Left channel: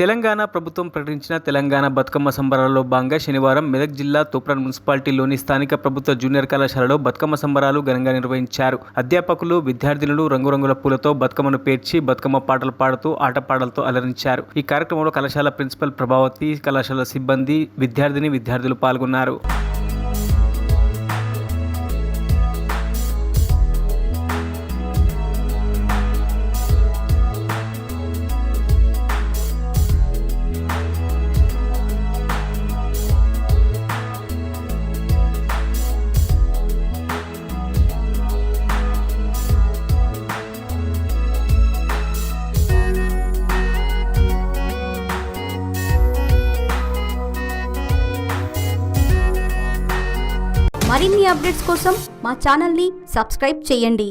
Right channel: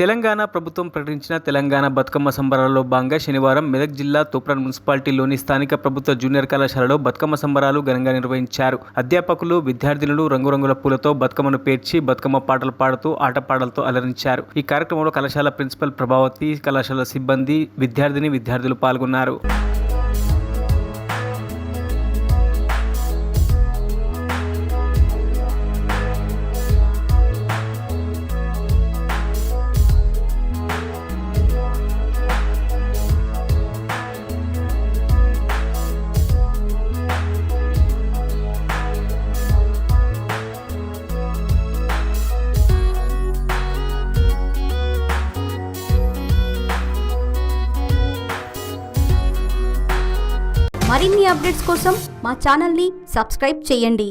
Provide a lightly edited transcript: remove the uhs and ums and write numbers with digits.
తెలంగాణ ప్రభుత్వం ప్రకటించిన తెలంగాణ బతుకమ్మ సంబరాల్లో భాగంగా శనివారం మెదక్ జిల్లా తూప్రాన్ మున్సిపాలిటీలోని స్థానిక ప్రభుత్వ జూనియర్ కళాశాలలో బతుకమ్మ సంబరాలు ఘనంగా నిర్వహించారు. అధ్యాపకులు, విద్యార్థినులు రంగురంగుల పూలతో బతుకమ్మను పేర్చి బతుకమ్మ పాటలు పాడుతూ ఆటపాటలతో అలరించారు. ఈ కార్యక్రమంలో కళాశాల ప్రిన్సిపల్ ప్రభావతి, కళాశాల సిబ్బంది, విద్యార్థులు పాల్గొన్నారు. మరిన్ని అప్డేట్స్ కోసం మా ఛానల్ని సబ్స్క్రైబ్ చేయండి.